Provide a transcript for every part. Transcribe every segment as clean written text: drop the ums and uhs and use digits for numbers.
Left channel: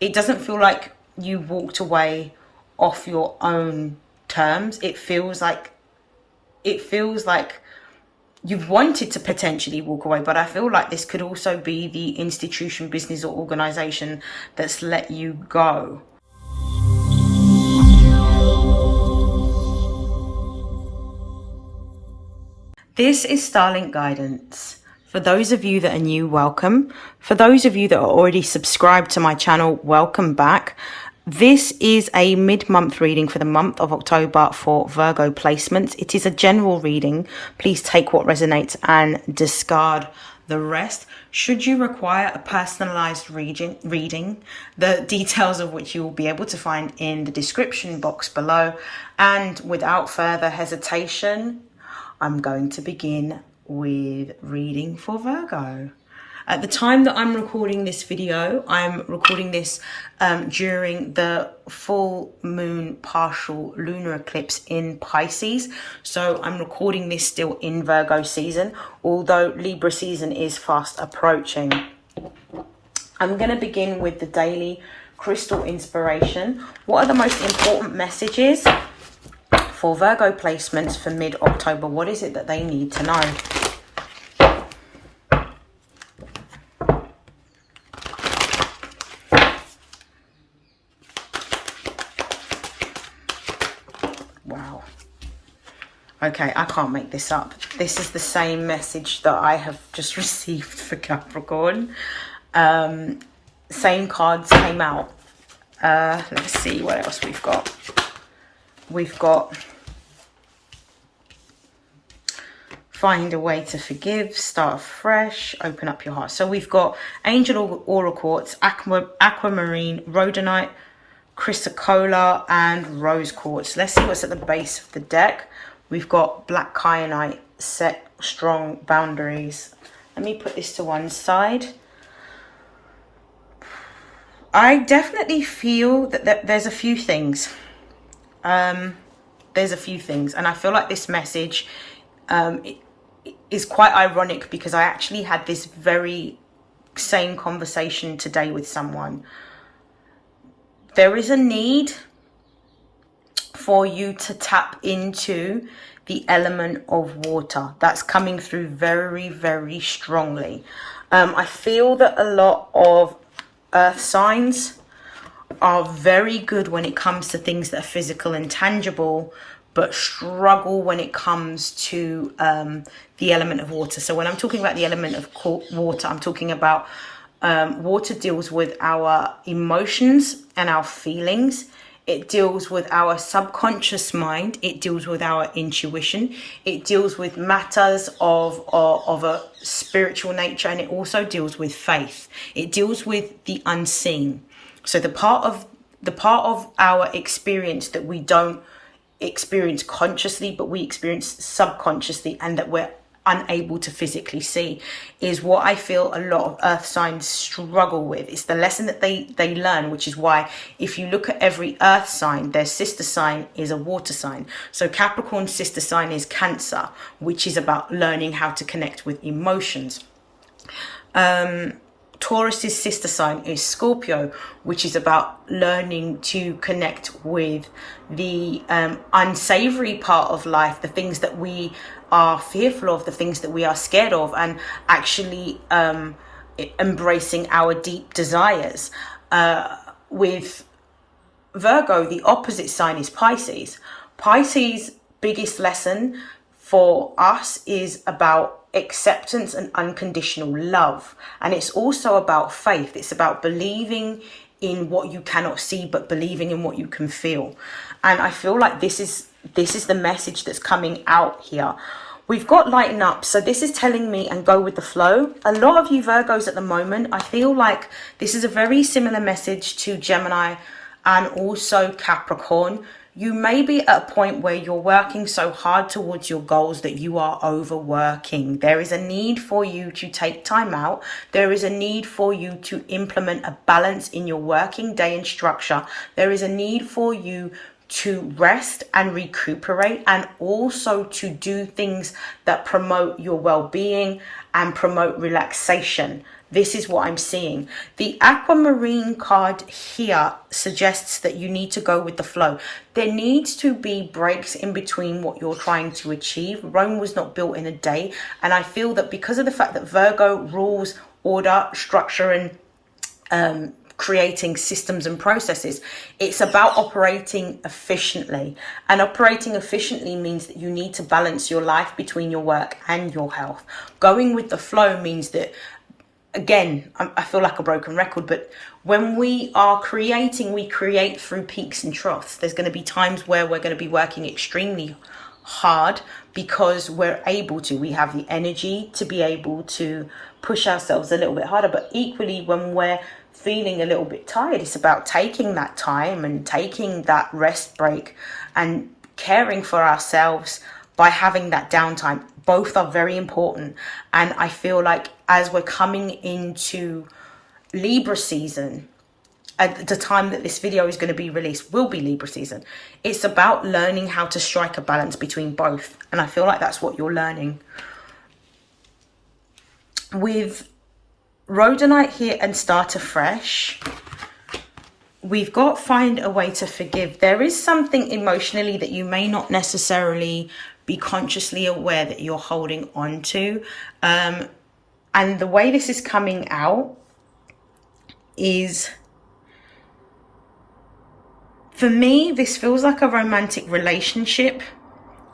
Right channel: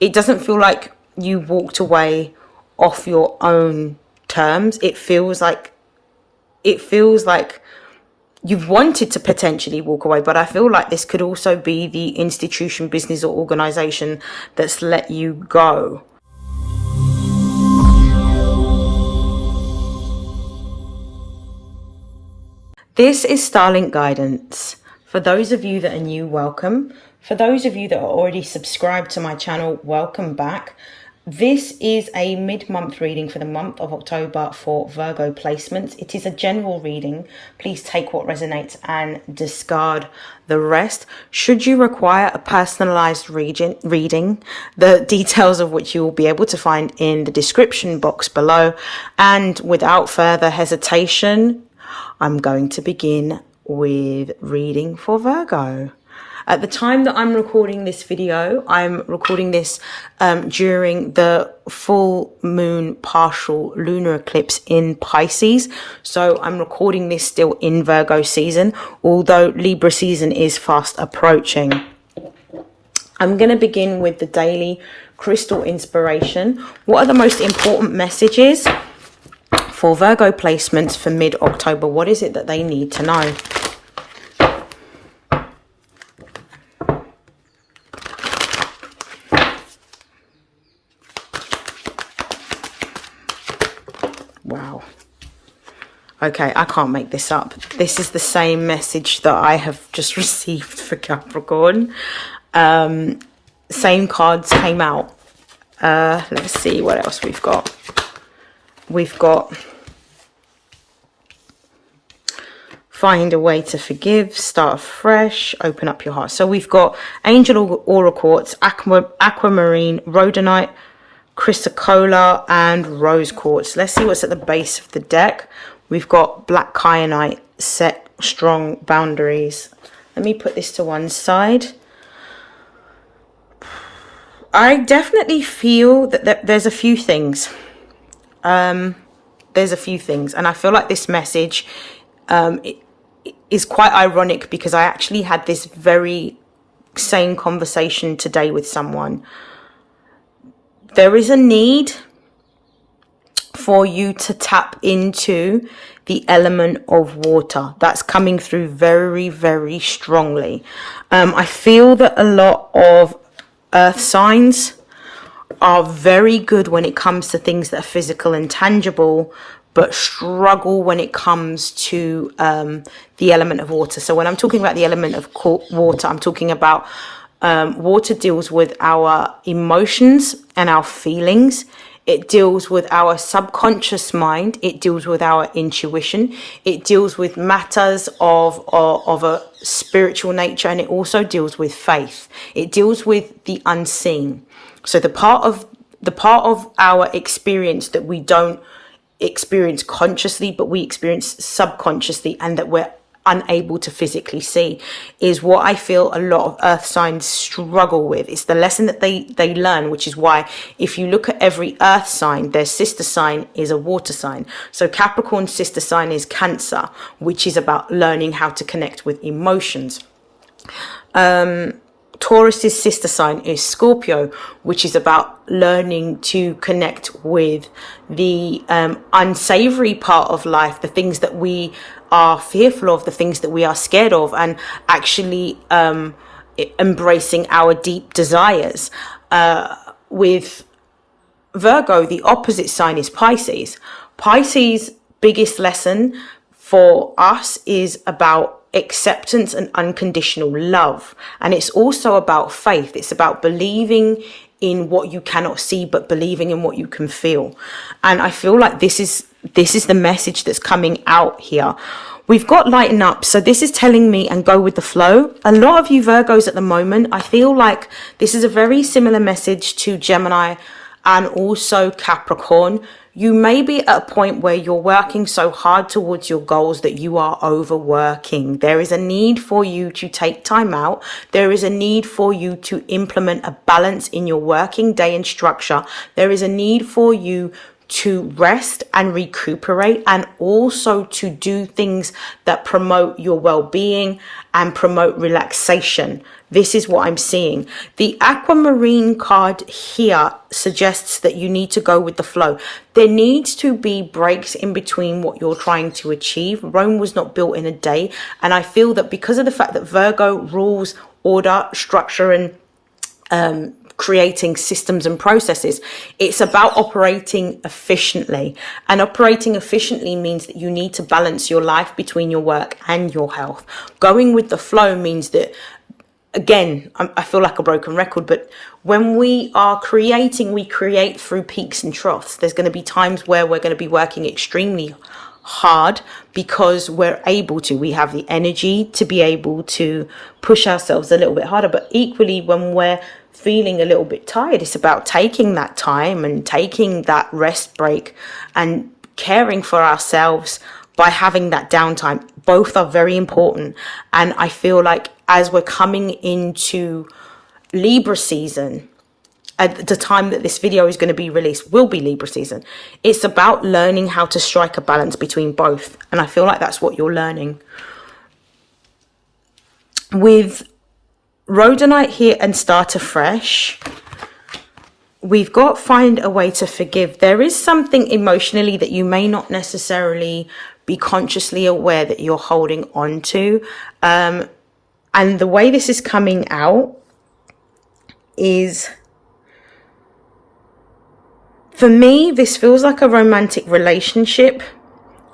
It doesn't feel like you walked away off your own terms. It feels like you've wanted to potentially walk away, but I feel like this could also be the institution, business, or organization that's let you go. This is StarLink guidance. For those of you that are new, welcome. For those of you that are already subscribed to my channel, welcome back. This is a mid-month reading for the month of October for Virgo placements. It is a general reading. Please take what resonates and discard the rest. Should you require a personalized reading, the details of which you will be able to find in the description box below. And without further hesitation, I'm going to begin with reading for Virgo. At the time that I'm recording this video, I'm recording this during the full moon partial lunar eclipse in Pisces. So I'm recording this still in Virgo season, although Libra season is fast approaching. I'm going to begin with the daily crystal inspiration. What are the most important messages for Virgo placements for mid-October? What is it that they need to know? Wow. Okay, I can't make this up. This is the same message that I have just received for Capricorn. Same cards came out. Let's see what else we've got. We've got find a way to forgive, start fresh, open up your heart. So we've got angel aura quartz, aquamarine, rhodonite, chrysocolla, and rose quartz. Let's see what's at the base of the deck. We've got black kyanite, set strong boundaries. Let me put this to one side. I definitely feel that there's a few things. There's a few things, and I feel like this message is quite ironic because I actually had this very same conversation today with someone. There is a need for you to tap into the element of water. That's coming through very, very strongly. I feel that a lot of earth signs are very good when it comes to things that are physical and tangible, but struggle when it comes to the element of water. So when I'm talking about the element of water, I'm talking about water deals with our emotions and our feelings. It deals with our subconscious mind. It deals with our intuition. It deals with matters of a spiritual nature, and it also deals with faith. It deals with the unseen. So the part of our experience that we don't experience consciously, but we experience subconsciously, and that we're unable to physically see, is what I feel a lot of earth signs struggle with. It's the lesson that they learn, which is why if you look at every earth sign, their sister sign is a water sign. So Capricorn's sister sign is Cancer, which is about learning how to connect with emotions. Taurus's sister sign is Scorpio, which is about learning to connect with the unsavory part of life, the things that we are fearful of, the things that we are scared of, and actually embracing our deep desires. With Virgo, the opposite sign is Pisces. Pisces' biggest lesson for us is about acceptance and unconditional love, and it's also about faith. It's about believing in what you cannot see, but believing in what you can feel. And I feel like this is the message that's coming out here. We've got lighten up. So this is telling me and go with the flow. A lot of you Virgos at the moment, I feel like this is a very similar message to Gemini and also Capricorn. You may be at a point where you're working so hard towards your goals that you are overworking. There is a need for you to take time out. There is a need for you to implement a balance in your working day and structure. There is a need for you to rest and recuperate, and also to do things that promote your well-being and promote relaxation. This is what I'm seeing. The aquamarine card here suggests that you need to go with the flow. There needs to be breaks in between what you're trying to achieve. Rome was not built in a day. And I feel that because of the fact that Virgo rules order, structure, and creating systems and processes, it's about operating efficiently. And operating efficiently means that you need to balance your life between your work and your health. Going with the flow means that, again, I feel like a broken record, but when we are creating, we create through peaks and troughs. There's going to be times where we're going to be working extremely hard because we're able to. We have the energy to be able to push ourselves a little bit harder. But equally, when we're feeling a little bit tired, it's about taking that time and taking that rest break and caring for ourselves by having that downtime. Both are very important. And I feel like as we're coming into Libra season, at the time that this video is going to be released, will be Libra season. It's about learning how to strike a balance between both. And I feel like that's what you're learning. With Rhodonite here and Start Afresh, we've got find a way to forgive. There is something emotionally that you may not necessarily be consciously aware that you're holding on to. And the way this is coming out is, for me, this feels like a romantic relationship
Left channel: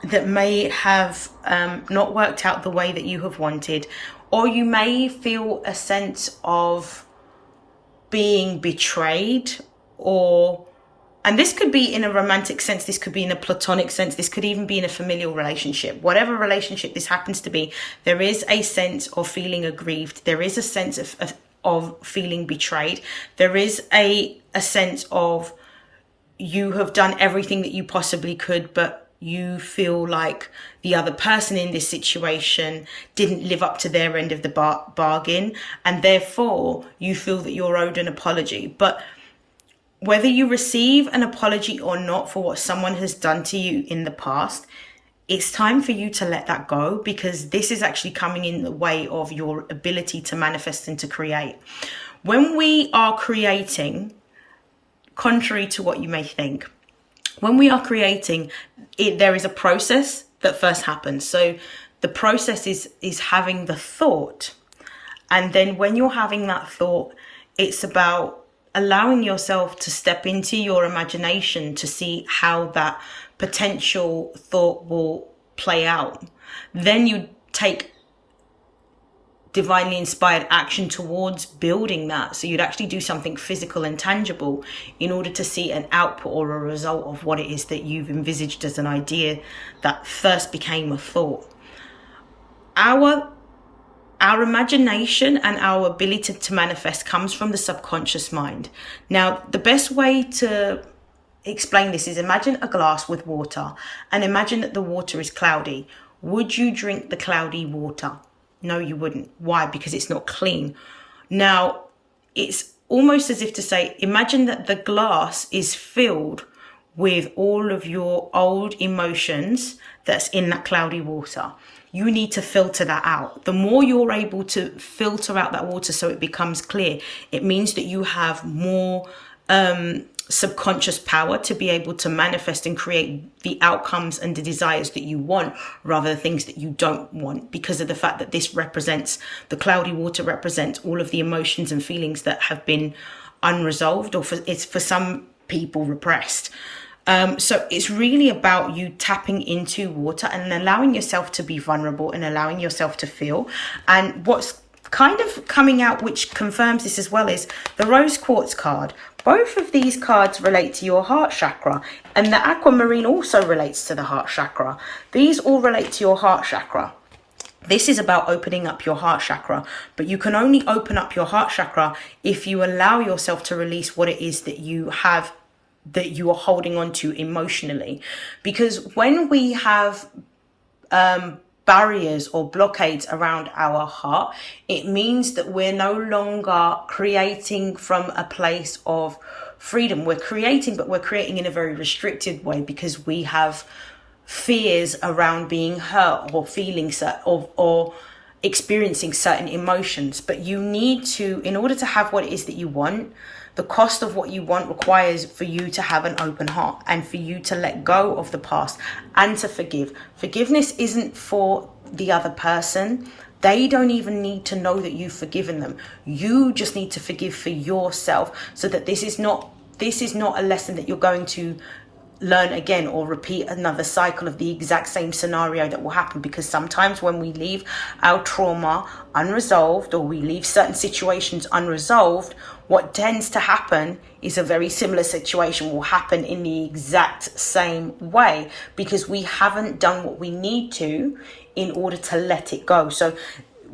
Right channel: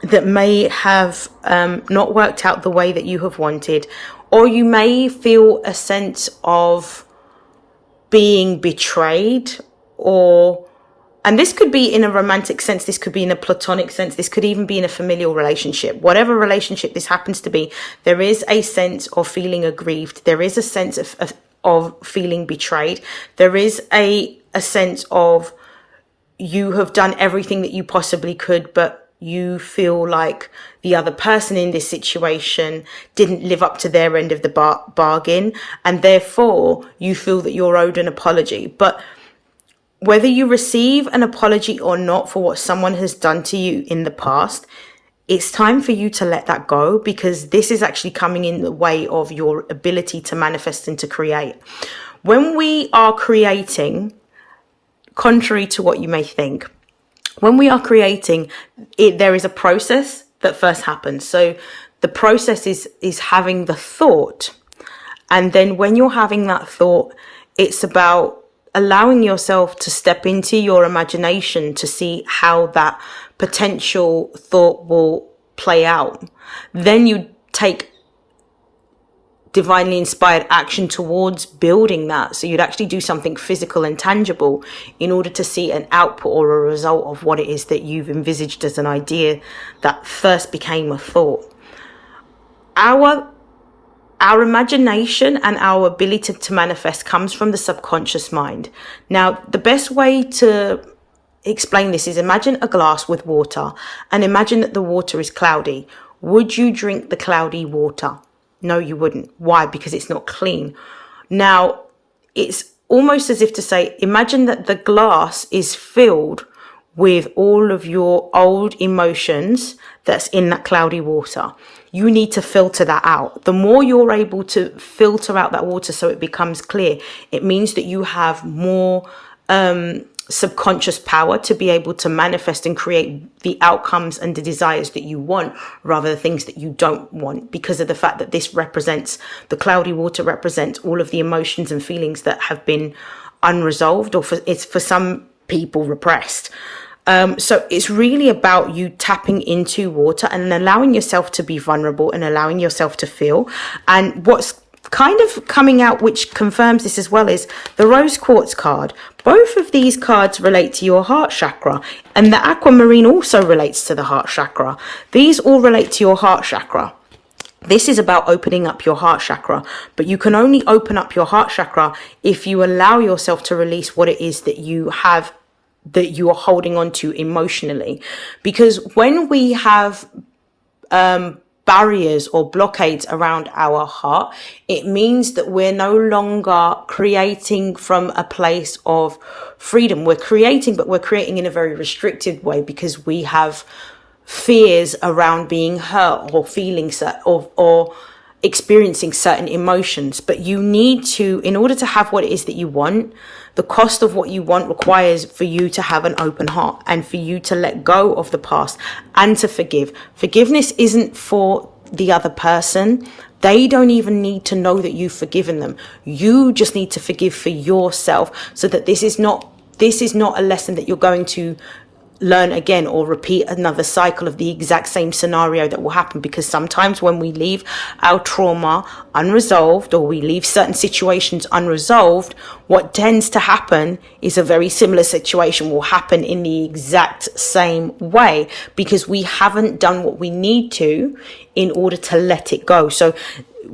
that may have not worked out the way that you have wanted. Or you may feel a sense of being betrayed, and this could be in a romantic sense, this could be in a platonic sense, this could even be in a familial relationship. Whatever relationship this happens to be, there is a sense of feeling aggrieved. There is a sense of feeling betrayed. There is a sense of you have done everything that you possibly could, but you feel like the other person in this situation didn't live up to their end of the bargain, and therefore you feel that you're owed an apology. But whether you receive an apology or not for what someone has done to you in the past, it's time for you to let that go, because this is actually coming in the way of your ability to manifest and to create. When we are creating, contrary to what you may think, when we are creating, there is a process that first happens. So the process is having the thought. And then when you're having that thought, it's about allowing yourself to step into your imagination to see how that potential thought will play out. Then you take divinely inspired action towards building that. So you'd actually do something physical and tangible in order to see an output or a result of what it is that you've envisaged as an idea that first became a thought. Our imagination and our ability to manifest comes from the subconscious mind. Now, the best way to explain this is, imagine a glass with water and imagine that the water is cloudy. Would you drink the cloudy water? No, you wouldn't. Why? Because it's not clean. Now, it's almost as if to say, imagine that the glass is filled with all of your old emotions that's in that cloudy water. You need to filter that out. The more you're able to filter out that water so it becomes clear, it means that you have more subconscious power to be able to manifest and create the outcomes and the desires that you want, rather than things that you don't want, because of the fact that this represents, the cloudy water represents all of the emotions and feelings that have been unresolved, or for some people repressed. So it's really about you tapping into water and allowing yourself to be vulnerable and allowing yourself to feel. And what's kind of coming out, which confirms this as well, is the rose quartz card. Both of these cards relate to your heart chakra, and the aquamarine also relates to the heart chakra. These all relate to your heart chakra. This is about opening up your heart chakra, but you can only open up your heart chakra if you allow yourself to release what it is that you have, that you are holding on to emotionally. Because when we have barriers or blockades around our heart, it means that we're no longer creating from a place of freedom. We're creating, but we're creating in a very restricted way, because we have fears around being hurt or feelings or experiencing certain emotions. But you need to, in order to have what it is that you want, the cost of what you want requires for you to have an open heart and for you to let go of the past and to forgive. Forgiveness isn't for the other person. They don't even need to know that you've forgiven them. You just need to forgive for yourself, so that this is not a lesson that you're going to learn again or repeat another cycle of the exact same scenario that will happen. Because sometimes when we leave our trauma unresolved, or we leave certain situations unresolved, what tends to happen is a very similar situation will happen in the exact same way, because we haven't done what we need to in order to let it go. So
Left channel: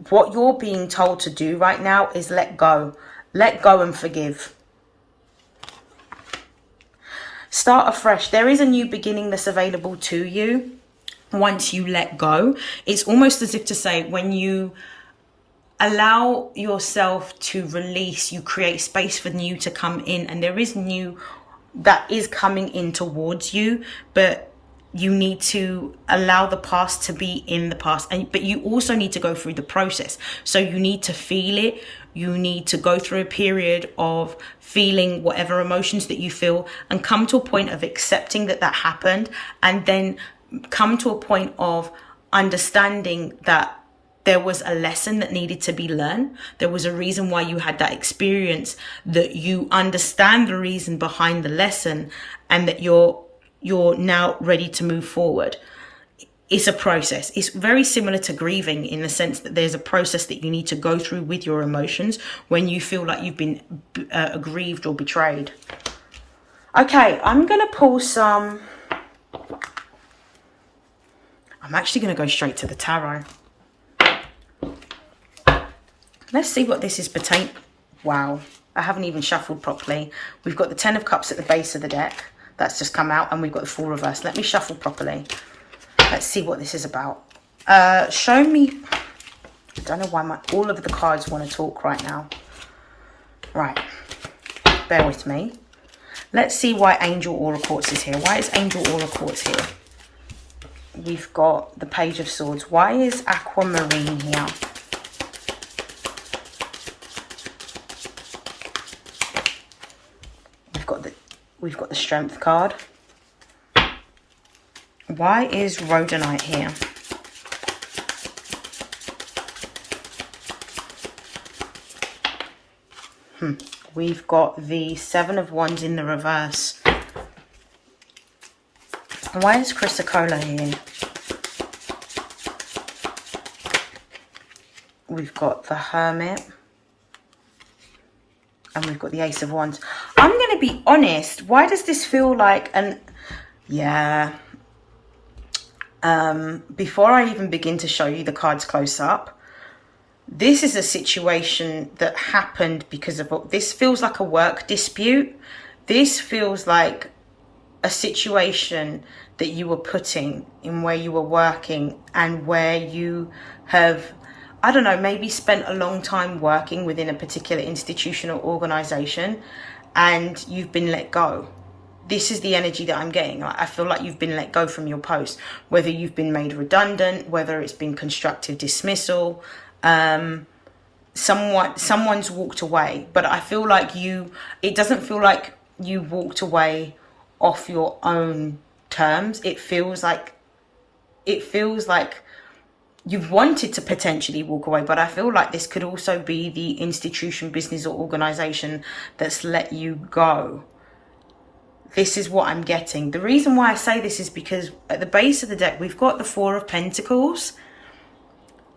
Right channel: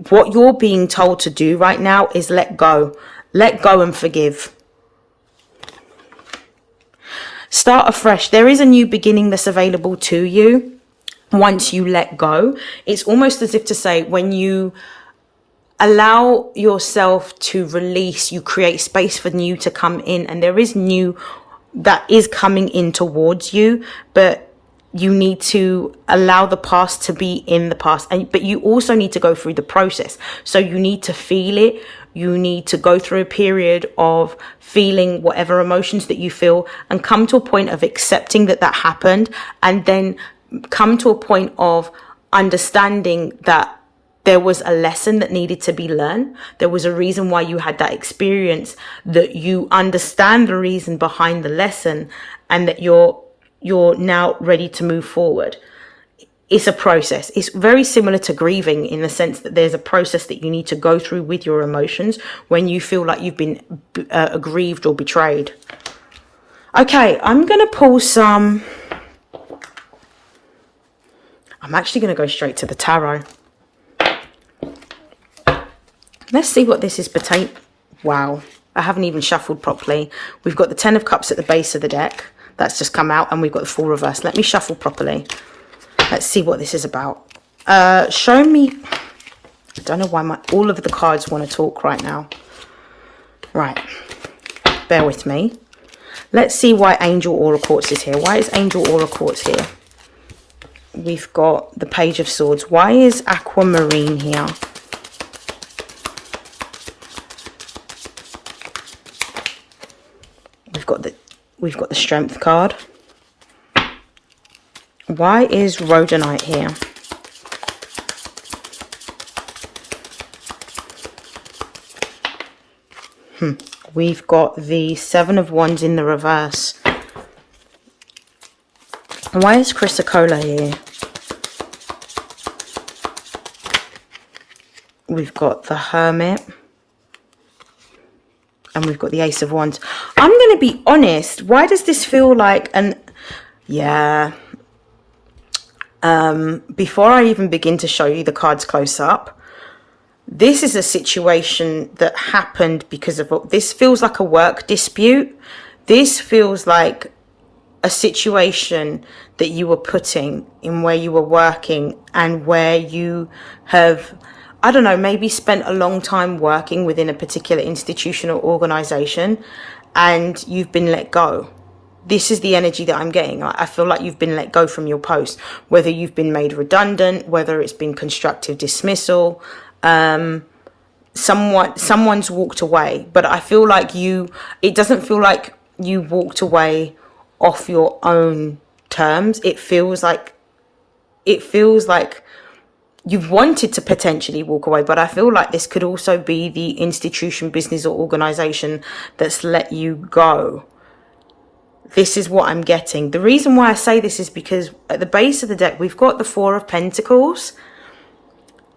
what you're being told to do right now is let go and forgive. Start afresh. There is a new beginning that's available to you once you let go. It's almost as if to say, when you allow yourself to release, you create space for new to come in. And there is new that is coming in towards you, but you need to allow the past to be in the past. But you also need to go through the process. So you need to feel it. You need to go through a period of feeling whatever emotions that you feel, and come to a point of accepting that happened, and then come to a point of understanding that there was a lesson that needed to be learned. There was a reason why you had that experience, that you understand the reason behind the lesson, and that you're now ready to move forward. It's a process. It's very similar to grieving, in the sense that there's a process that you need to go through with your emotions when you feel like you've been aggrieved or betrayed. Okay, I'm going to pull some. I'm actually going to go straight to the tarot. Let's see what this is pertaining. Wow, I haven't even shuffled properly. We've got the 10 of Cups at the base of the deck. That's just come out, and we've got the 4 reversed. Let me shuffle properly. Let's see what this is about. Show me. I don't know why all of the cards want to talk right now. Right. Bear with me. Let's see why Angel Aura Quartz is here. Why is Angel Aura Quartz here? We've got the Page of Swords. Why is Aquamarine here? We've got the Strength card. Why is Rhodonite here? We've got the 7 of Wands in the reverse. Why is Chrysocolla here? We've got the Hermit. And we've got the Ace of Wands. I'm going to be honest. Why does this feel like an... Yeah... before I even begin to show you the cards close up, this is a situation that happened because of... This feels like a work dispute. This feels like a situation that you were putting in, where you were working and where you have, I don't know, maybe spent a long time working within a particular institution or organization, and you've been let go. This is the energy that I'm getting. I feel like you've been let go from your post, whether you've been made redundant, whether it's been constructive dismissal. Someone's walked away, but I feel like it doesn't feel like you walked away off your own terms. It feels like you've wanted to potentially walk away, but I feel like this could also be the institution, business, or organization that's let you go. This is what I'm getting. The reason why I say this is because at the base of the deck, we've got the 4 of Pentacles.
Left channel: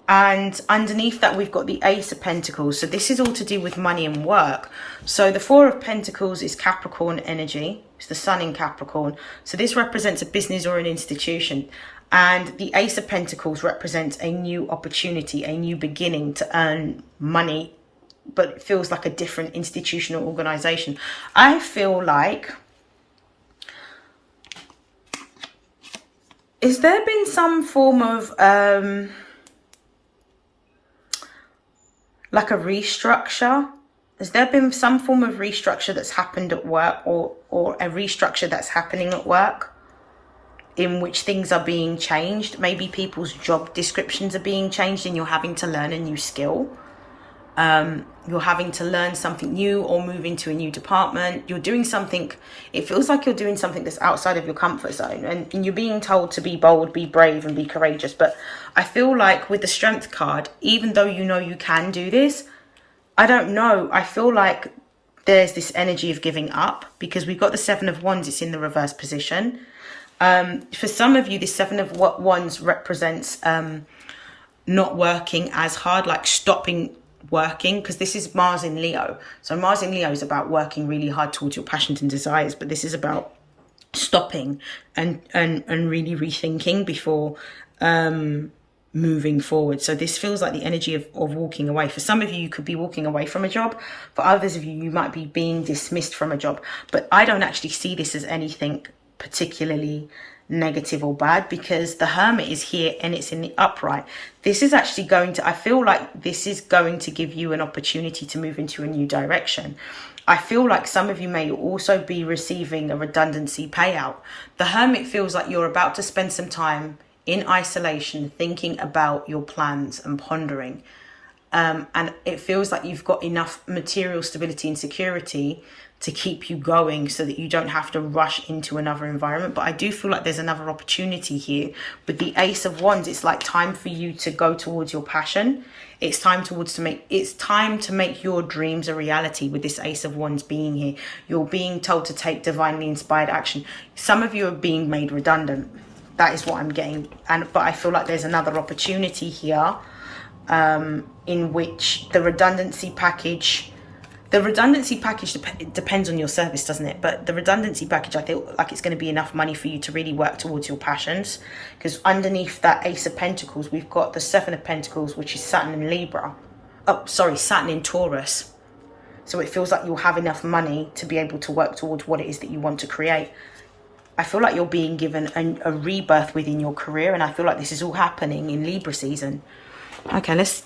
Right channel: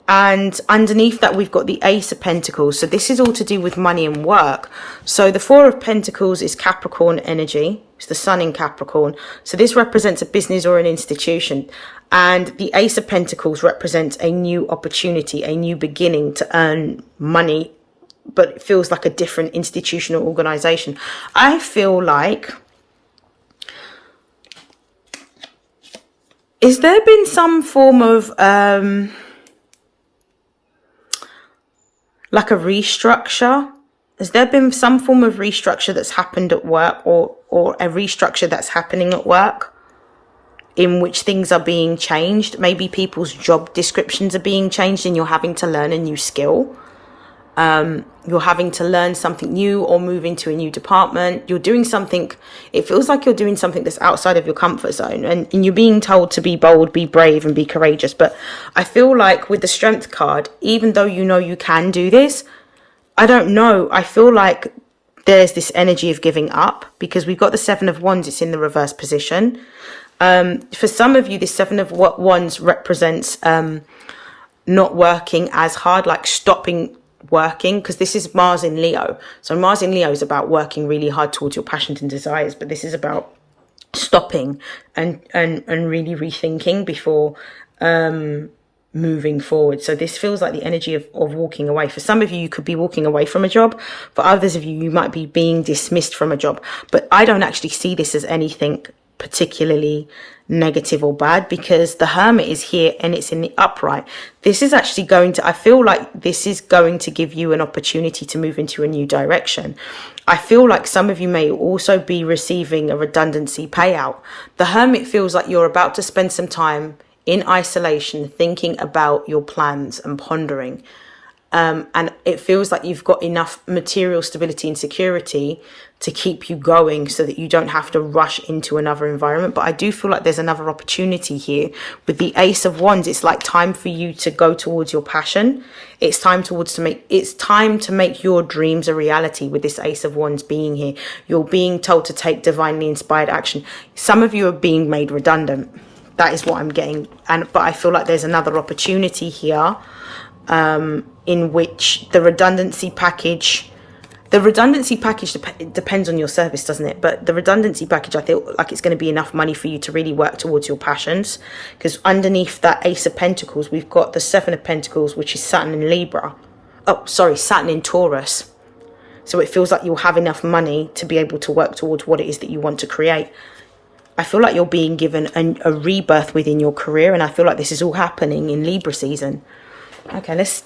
And underneath that, we've got the Ace of Pentacles. So this is all to do with money and work. So the 4 of Pentacles is Capricorn energy. It's the Sun in Capricorn. So this represents a business or an institution. And the Ace of Pentacles represents a new opportunity, a new beginning to earn money. But it feels like a different institution or organization. I feel like... Is there been some form of... like a restructure? Has there been some form of restructure that's happened at work, or a restructure that's happening at work? in which things are being changed. Maybe people's job descriptions are being changed and you're having to learn a new skill. You're having to learn something new or move into a new department. You're doing something, it feels like you're doing something that's outside of your comfort zone, and you're being told to be bold, be brave, and be courageous. But I feel like with the strength card, even though you know you can do this, I don't know, I feel like there's this energy of giving up, because we've got the Seven of Wands, it's in the reverse position. For some of you, the Seven of Wands represents not working as hard, like stopping working, because this is Mars in Leo. So Mars in Leo is about working really hard towards your passions and desires, but this is about stopping and really rethinking before moving forward. So this feels like the energy of walking away. For some of you, you could be walking away from a job. For others of you, you might be being dismissed from a job. But I don't actually see this as anything particularly negative or bad, because the Hermit is here and it's in the upright. This is actually going to, I feel like this is going to give you an opportunity to move into a new direction. I feel like some of you may also be receiving a redundancy payout. The Hermit feels like you're about to spend some time in isolation, thinking about your plans and pondering. And it feels like you've got enough material stability and security to keep you going so that you don't have to rush into another environment. But I do feel like there's another opportunity here. With the Ace of Wands, it's like time for you to go towards your passion. It's time to make your dreams a reality. With this Ace of Wands being here, you're being told to take divinely inspired action. Some of you are being made redundant. That is what I'm getting. But I feel like there's another opportunity here, in which the redundancy package depends on your service, doesn't it? But the redundancy package, I feel like it's going to be enough money for you to really work towards your passions, because underneath that Ace of Pentacles, we've got the Seven of Pentacles, which is Saturn in Libra. Oh, sorry, Saturn in Taurus. So it feels like you'll have enough money to be able to work towards what it is that you want to create. I feel like you're being given a rebirth within your career, and I feel like this is all happening in Libra season. Okay, let's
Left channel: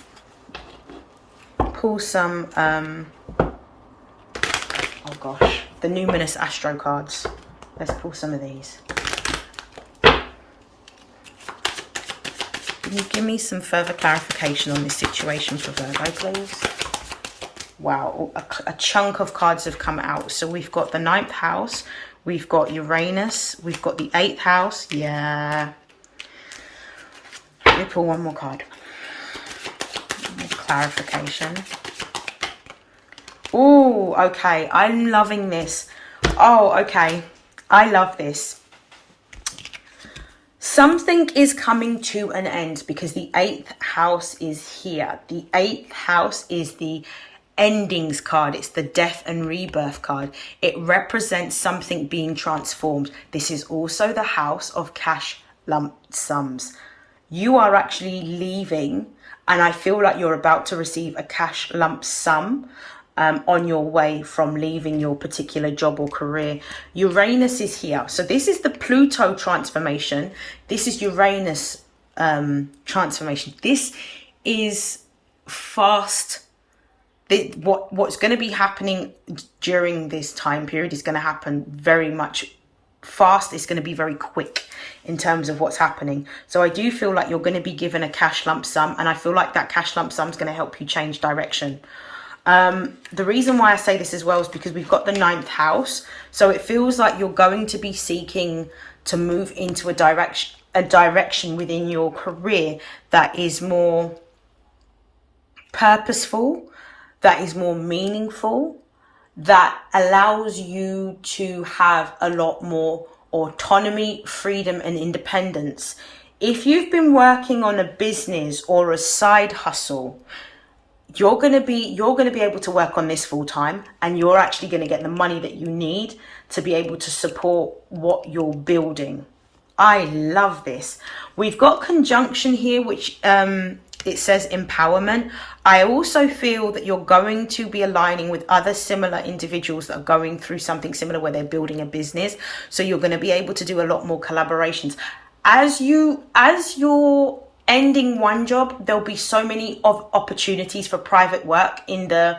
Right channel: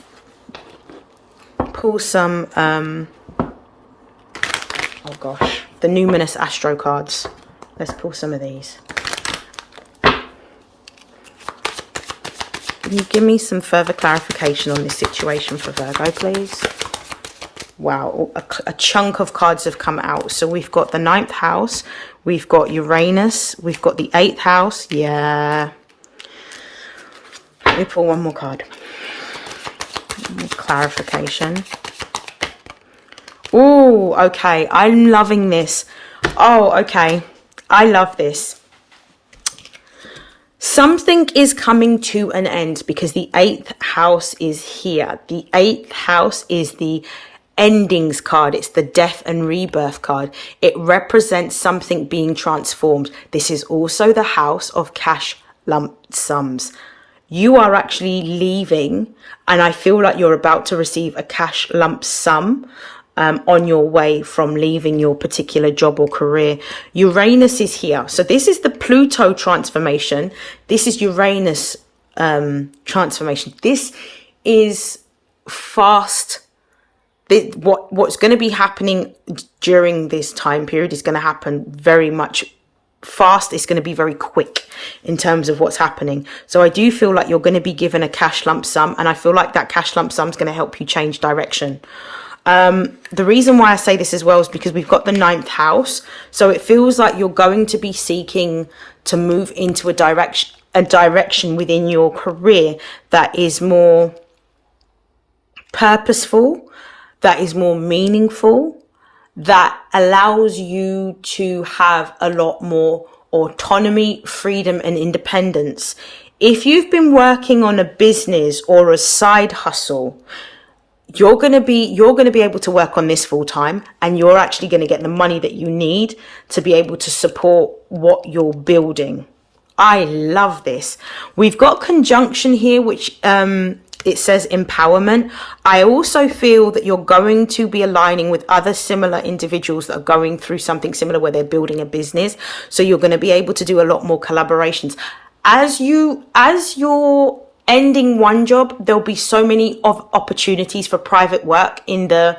pull some, oh gosh, the Numinous Astro cards. Let's pull some of these. Can you give me some further clarification on the situation for Virgo, please? Wow, a chunk of cards have come out. So we've got the 9th house, we've got Uranus, we've got the 8th house. Yeah. Let me pull one more card. Clarification. Oh, okay. I'm loving this. Oh, okay. I love this. Something is coming to an end, because the 8th house is here. The 8th house is the endings card. It's the death and rebirth card. It represents something being transformed. This is also the house of cash lump sums. You are actually leaving, and I feel like you're about to receive a cash lump sum on your way from leaving your particular job or career. Uranus is here. So this is the Pluto transformation. This is Uranus transformation. This is fast. What's going to be happening during this time period is going to happen very much fast. It's going to be very quick in terms of what's happening. So I do feel like you're going to be given a cash lump sum, and I feel like that cash lump sum is going to help you change direction. The reason why I say this as well is because we've got the 9th house. So it feels like you're going to be seeking to move into a direction within your career that is more purposeful, that is more meaningful, that allows you to have a lot more autonomy, freedom, and independence. If you've been working on a business or a side hustle, you're going to be able to work on this full time, and you're actually going to get the money that you need to be able to support what you're building. I love this. We've got conjunction here, which it says empowerment. I also feel that you're going to be aligning with other similar individuals that are going through something similar where they're building a business. So you're going to be able to do a lot more collaborations. As you're ending one job, there'll be so many of opportunities for private work in the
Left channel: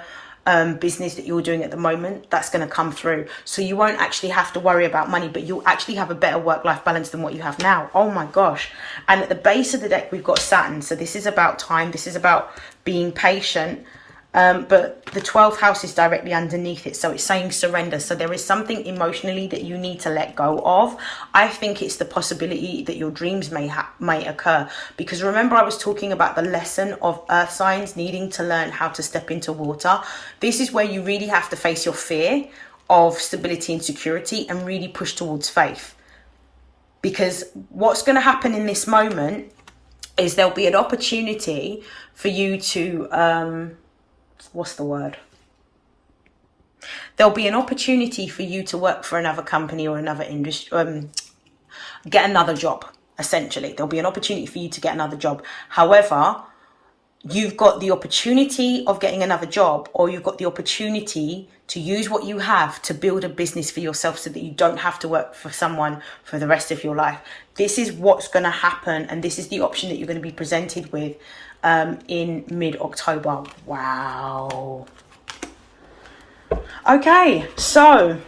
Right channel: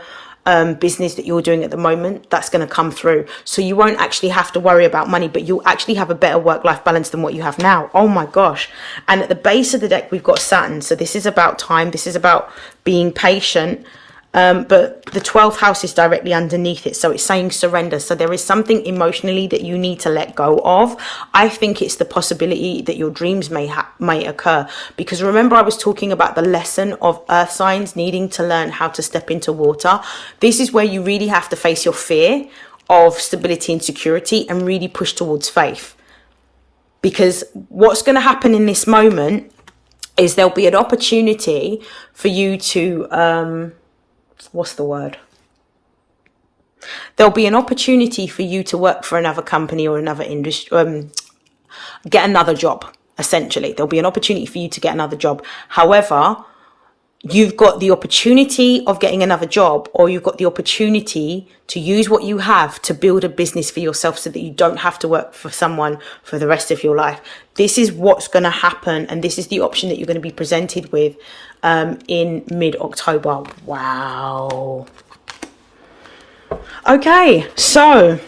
business that you're doing at the moment, that's going to come through. So you won't actually have to worry about money, but you'll actually have a better work-life balance than what you have now. Oh my gosh. And at the base of the deck, we've got Saturn. So this is about time. This is about being patient. But the 12th house is directly underneath it. So it's saying surrender. So there is something emotionally that you need to let go of. I think it's the possibility that your dreams may occur. Because remember, I was talking about the lesson of earth signs needing to learn how to step into water. This is where you really have to face your fear of stability and security and really push towards faith. Because what's going to happen in this moment is there'll be an opportunity for you to... what's the word? There'll be an opportunity for you to work for another company or another industry, get another job, essentially. There'll be an opportunity for you to get another job. However, you've got the opportunity of getting another job, or you've got the opportunity to use what you have to build a business for yourself so that you don't have to work for someone for the rest of your life. This is what's going to happen, and this is the option that you're going to be presented with in mid-October. Wow. Okay, so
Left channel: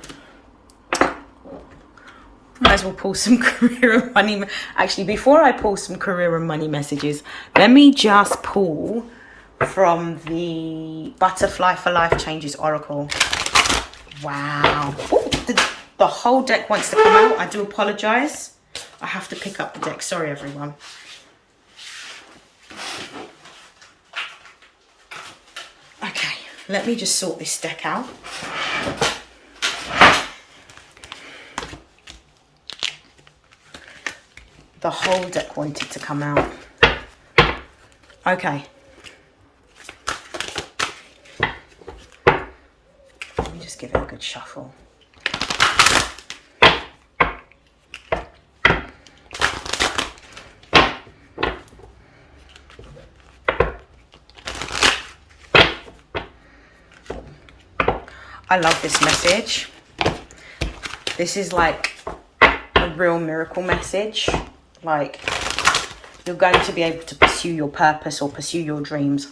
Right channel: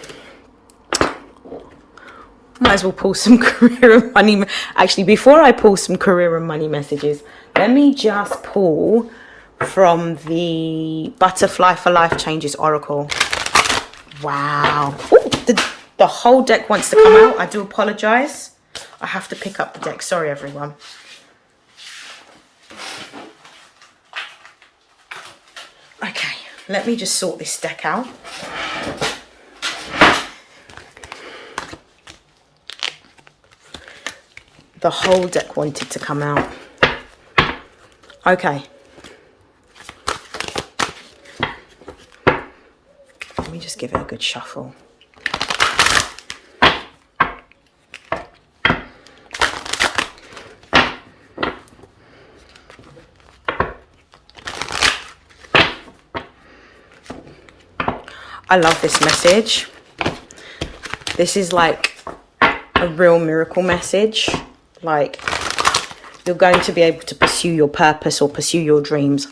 might as well pull some career and money. Actually, before I pull some career and money messages, let me just pull from the Butterfly for Life Changes Oracle. Wow. Ooh, the whole deck wants to come out. I do apologize. I have to pick up the deck. Sorry, everyone. Okay, let me just sort this deck out. The whole deck wanted to come out. Okay. Let me just give it a good shuffle. I love this message. This is like a real miracle message. Like, you're going to be able to pursue your purpose or pursue your dreams.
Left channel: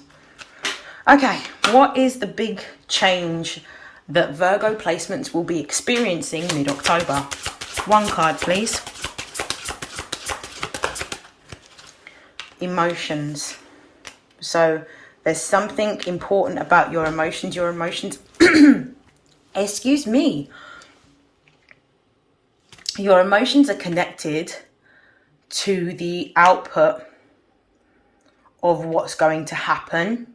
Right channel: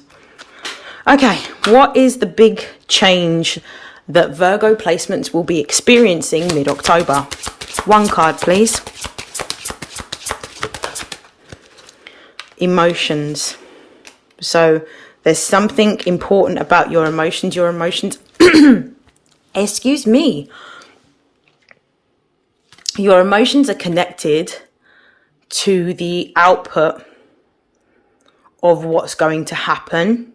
Okay, what is the big change that Virgo placements will be experiencing mid-October? One card, please. Emotions. So there's something important about your emotions. Your emotions... Excuse me. Your emotions are connected to the output of what's going to happen.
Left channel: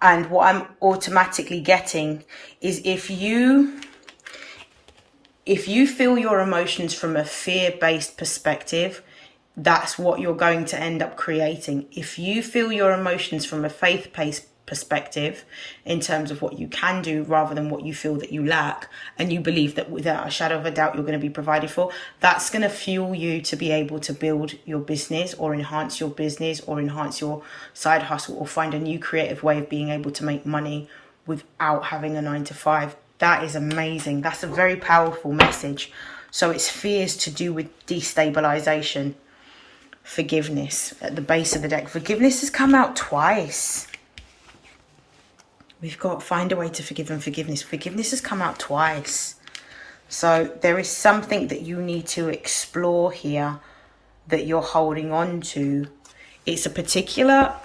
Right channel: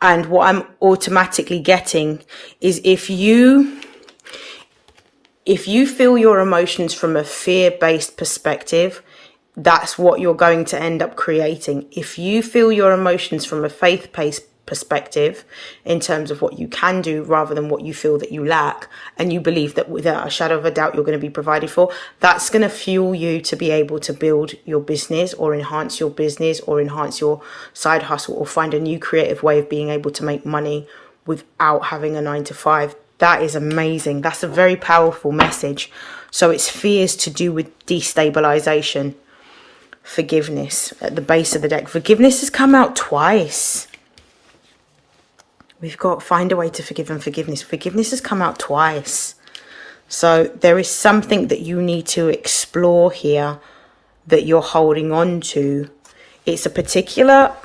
And what I'm automatically getting is if you feel your emotions from a fear-based perspective, that's what you're going to end up creating. If you feel your emotions from a faith-based perspective in terms of what you can do rather than what you feel that you lack, and you believe that without a shadow of a doubt you're going to be provided for, that's going to fuel you to be able to build your business or enhance your business or enhance your side hustle or find a new creative way of being able to make money without having a 9-to-5. That is amazing. That's a very powerful message. So it's fears to do with destabilization. Forgiveness at the base of the deck. Forgiveness has come out twice. We've got find a way to forgive and forgiveness. Forgiveness has come out twice. So there is something that you need to explore here that you're holding on to. It's a particular...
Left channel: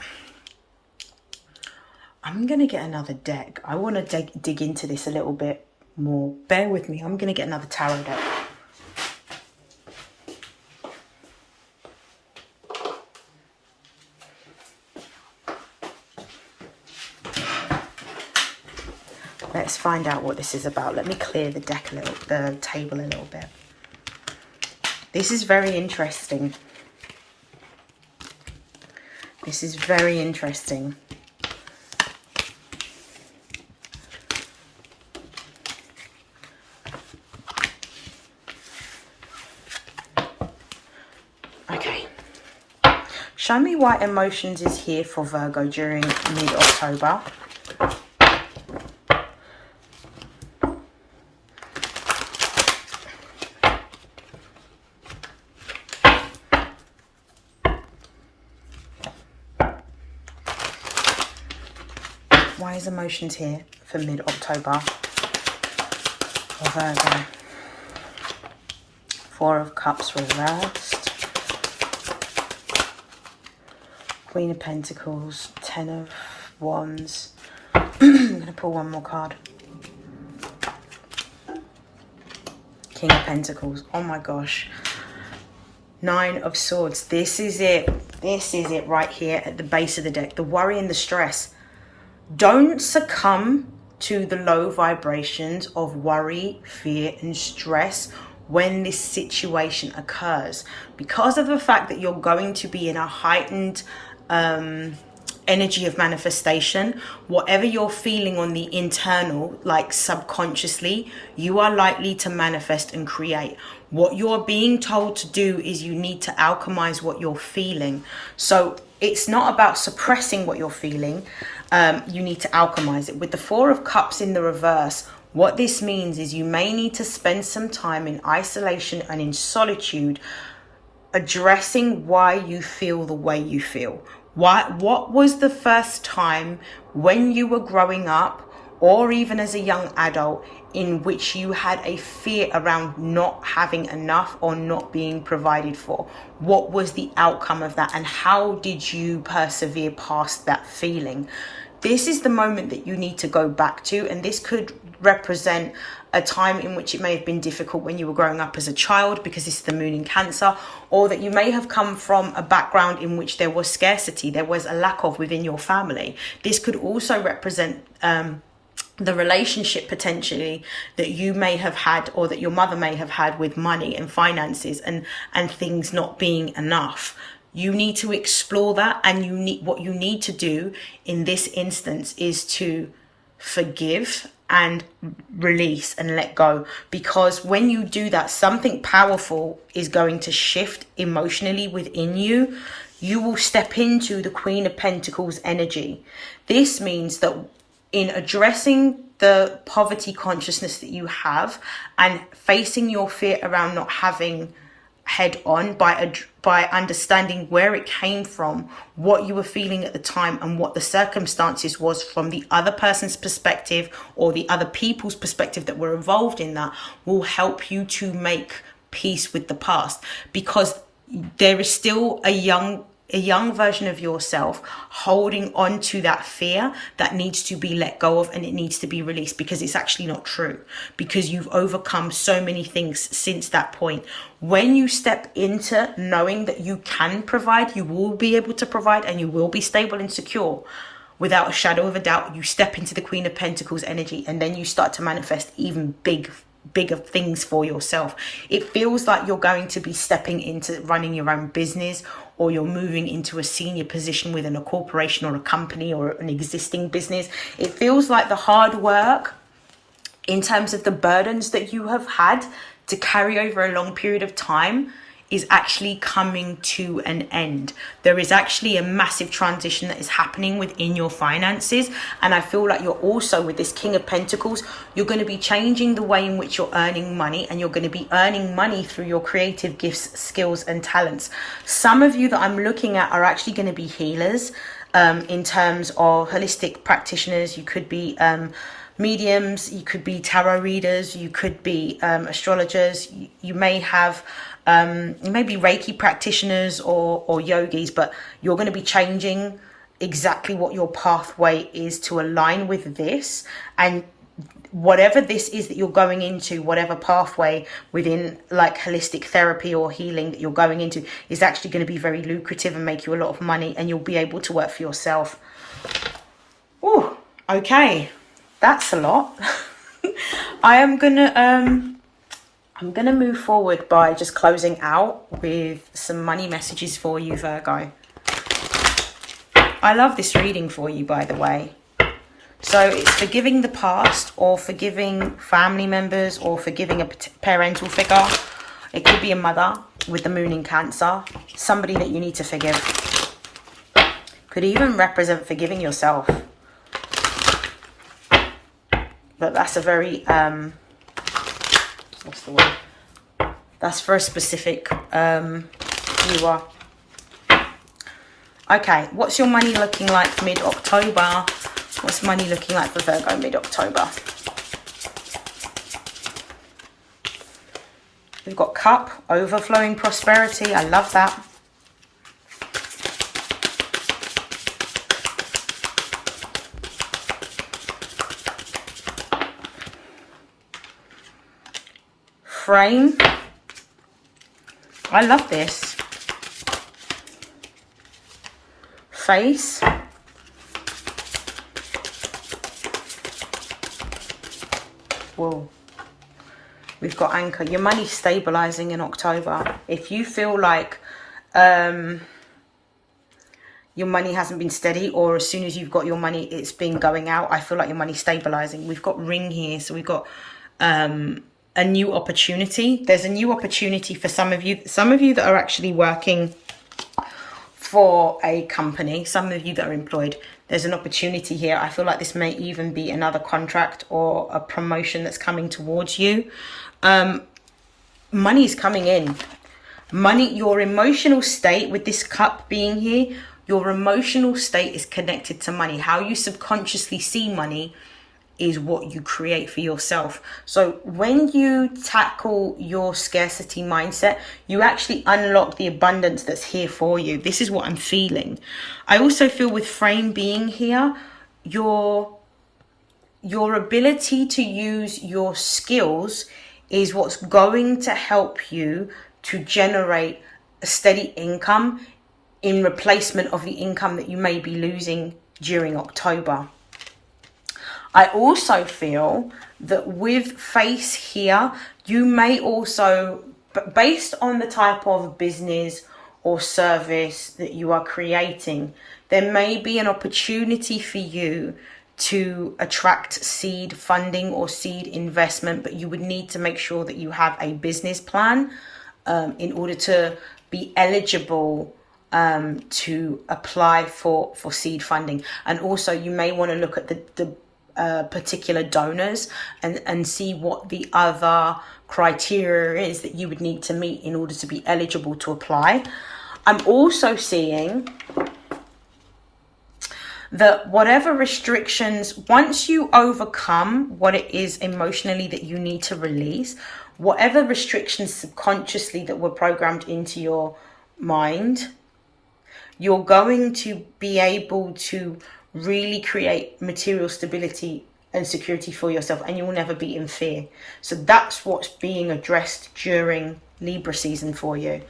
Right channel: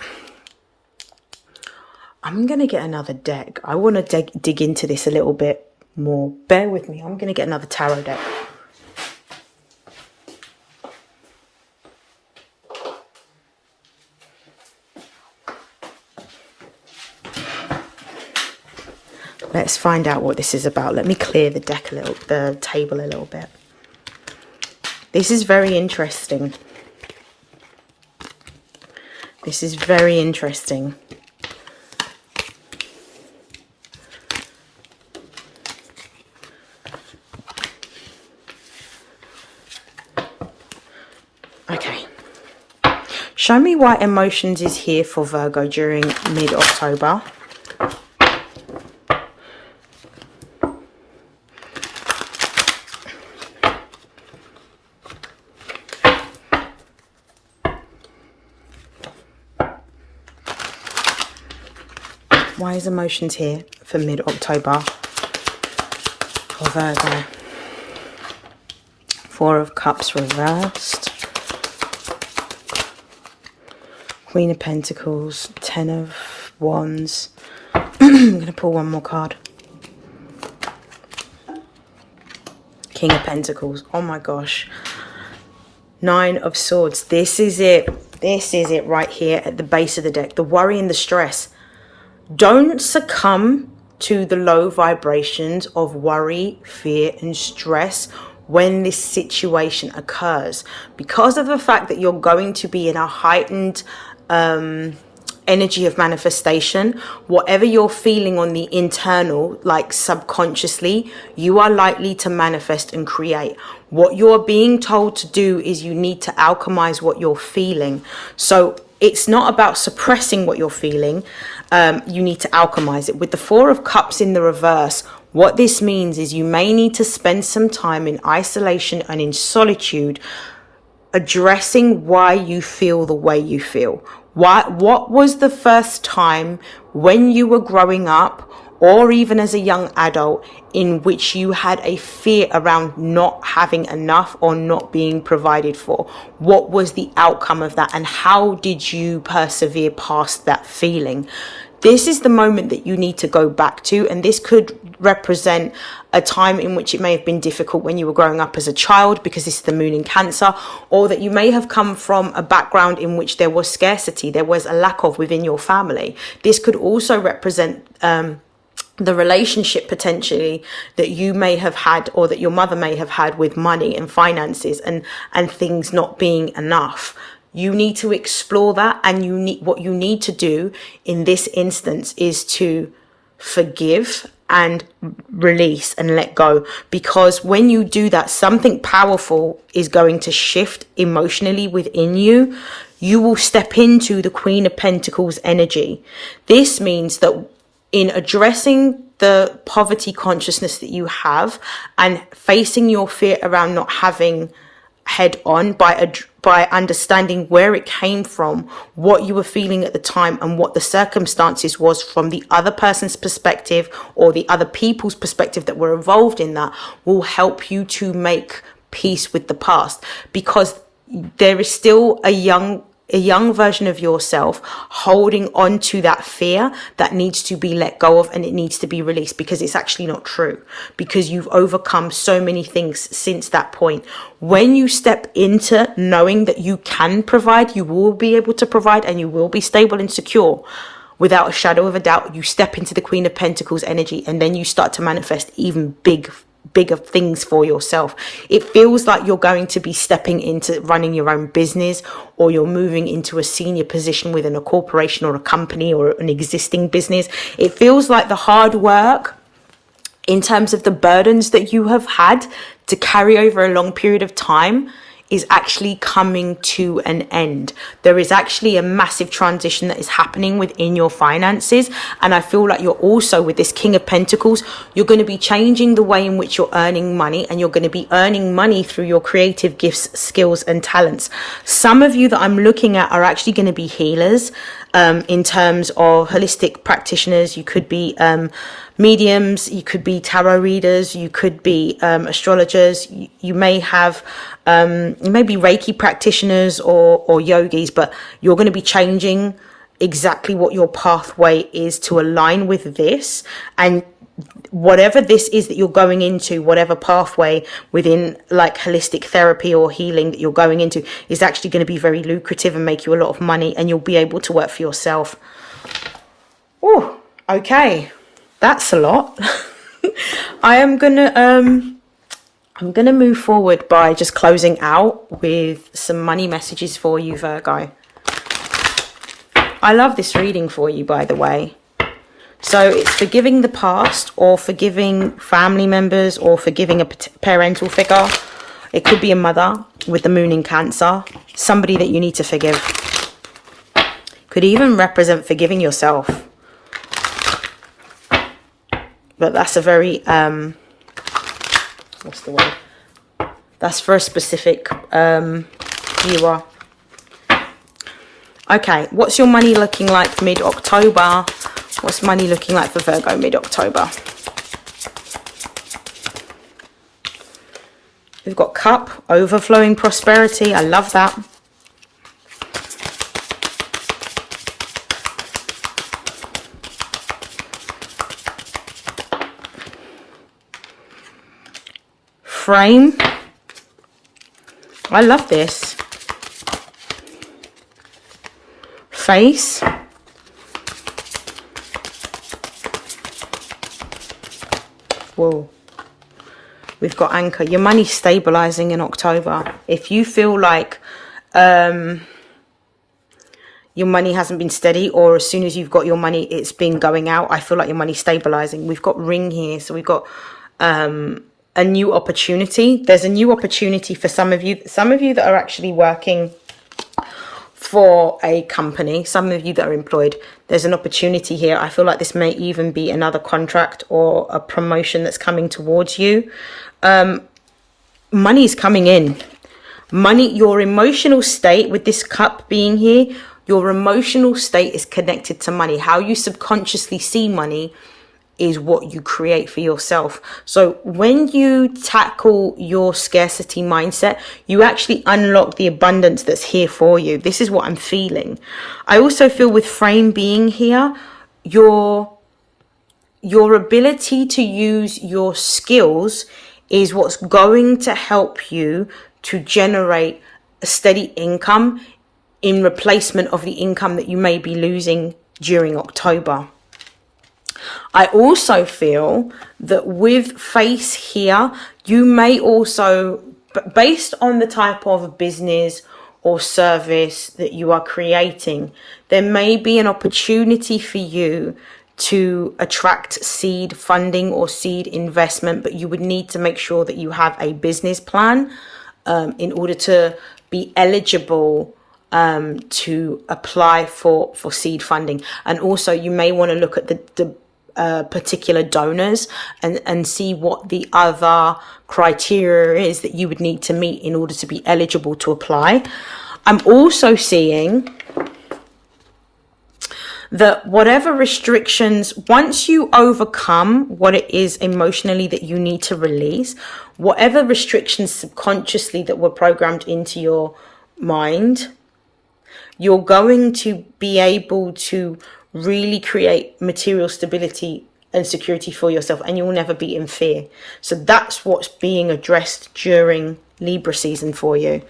I'm going to get another deck. I want to dig into this a little bit more. Bear with me. I'm going to get another tarot deck. Let's find out what this is about. Let me clear the deck a little, the table a little bit. This is very interesting. This is very interesting. Okay. Show me why emotions is here for Virgo during mid-October. Why is emotions here for mid-October for Virgo? Four of Cups reversed. Queen of Pentacles. Ten of Wands. I'm going to pull one more card. King of Pentacles. Oh my gosh. Nine of Swords. This is it. This is it right here at the base of the deck. The worry and the stress. Don't succumb to the low vibrations of worry, fear, and stress when this situation occurs. Because of the fact that you're going to be in a heightened energy of manifestation, whatever you're feeling on the internal, like subconsciously, you are likely to manifest and create. What you're being told to do is you need to alchemize what you're feeling. So it's not about suppressing what you're feeling. You need to alchemize it. With the Four of Cups in the reverse, what this means is you may need to spend some time in isolation and in solitude, addressing why you feel the way you feel. What was the first time when you were growing up, or even as a young adult, in which you had a fear around not having enough or not being provided for? What was the outcome of that, and how did you persevere past that feeling? This is the moment that you need to go back to, and this could represent a time in which it may have been difficult when you were growing up as a child, because this is the moon in Cancer, or that you may have come from a background in which there was scarcity, there was a lack of within your family. This could also represent the relationship potentially that you may have had, or that your mother may have had, with money and finances and things not being enough. You need to explore that, and what you need to do in this instance is to forgive and release and let go, because when you do that, something powerful is going to shift emotionally within you. You will step into the Queen of Pentacles energy. This means that in addressing the poverty consciousness that you have and facing your fear around not having head on, by understanding where it came from, what you were feeling at the time, and what the circumstances was from the other person's perspective or the other people's perspective that were involved in that, will help you to make peace with the past. Because there is still a young version of yourself holding on to that fear that needs to be let go of, and it needs to be released, because it's actually not true, because you've overcome so many things since that point. When you step into knowing that you can provide, you will be able to provide, and you will be stable and secure without a shadow of a doubt, you step into the Queen of Pentacles energy, and then you start to manifest even bigger things for yourself. It feels like you're going to be stepping into running your own business, or you're moving into a senior position within a corporation or a company or an existing business. It feels like the hard work, in terms of the burdens that you have had to carry over a long period of time, is actually coming to an end. There is actually a massive transition that is happening within your finances. And I feel like you're also, with this King of Pentacles, you're going to be changing the way in which you're earning money, and you're going to be earning money through your creative gifts, skills, and talents. Some of you that I'm looking at are actually going to be healers, in terms of holistic practitioners. You could be mediums, you could be tarot readers, you could be astrologers, you may have you may be Reiki practitioners or yogis, but you're going to be changing exactly what your pathway is to align with this. And whatever this is that you're going into, whatever pathway within like holistic therapy or healing that you're going into, is actually going to be very lucrative and make you a lot of money, and you'll be able to work for yourself. Oh, okay. That's a lot. I'm gonna move forward by just closing out with some money messages for you, Virgo. I love this reading for you, by the way. So it's forgiving the past, or forgiving family members, or forgiving a parental figure. It could be a mother with the moon in Cancer, somebody that you need to forgive. Could even represent forgiving yourself. But that's a very what's the word? That's for a specific viewer. Okay, what's your money looking like mid-October What's money looking like for Virgo mid-October? We've got cup, overflowing prosperity. I love that. Frame. I love this. Face. Whoa. We've got anchor. Your money's stabilizing in October. If you feel like your money hasn't been steady, or as soon as you've got your money, it's been going out, I feel like your money's stabilizing. We've got ring here. So we've got a new opportunity. There's a new opportunity for some of you. Some of you that are actually working for a company, some of you that are employed, there's an opportunity here. I feel like this may even be another contract or a promotion that's coming towards you. Money is coming in. Money, your emotional state with this cup being here, your emotional state is connected to money. How you subconsciously see money is what you create for yourself. So when you tackle your scarcity mindset, you actually unlock the abundance that's here for you. This is what I'm feeling. I also feel with frame being here, your ability to use your skills is what's going to help you to generate a steady income in replacement of the income that you may be losing during October. I also feel that with face here, you may also, based on the type of business or service that you are creating, there may be an opportunity for you to attract seed funding or seed investment, but you would need to make sure that you have a business plan in order to be eligible to apply for seed funding. And also you may want to look at the particular donors and see what the other criteria is that you would need to meet in order to be eligible to apply. I'm also seeing that whatever restrictions, once you overcome what it is emotionally that you need to release, whatever restrictions subconsciously that were programmed into your mind, you're going to be able to really create material stability and security for yourself, and you'll never be in fear. So that's what's being addressed during Libra season for you.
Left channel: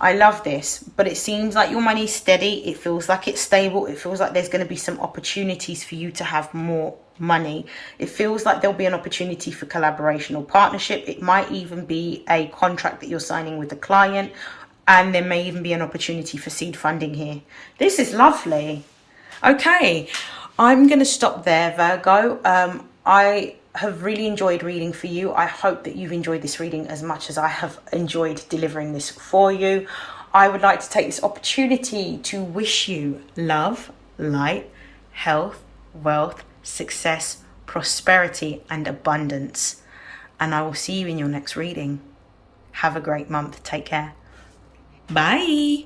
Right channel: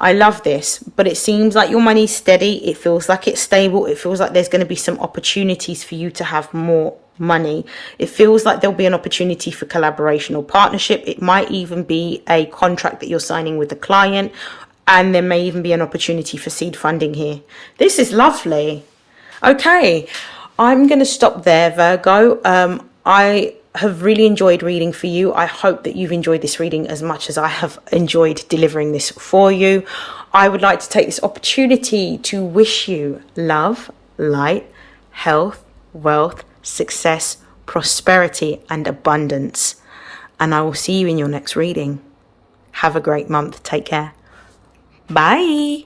I love this, but it seems like your money's steady. It feels like it's stable. It feels like there's going to be some opportunities for you to have more money. It feels like there'll be an opportunity for collaboration or partnership. It might even be a contract that you're signing with the client, and there may even be an opportunity for seed funding here. This is lovely. Okay, I'm going to stop there, Virgo. I have really enjoyed reading for you. I hope that you've enjoyed this reading as much as I have enjoyed delivering this for you. I would like to take this opportunity to wish you love, light, health, wealth, success, prosperity, and abundance. And I will see you in your next reading. Have a great month. Take care. Bye.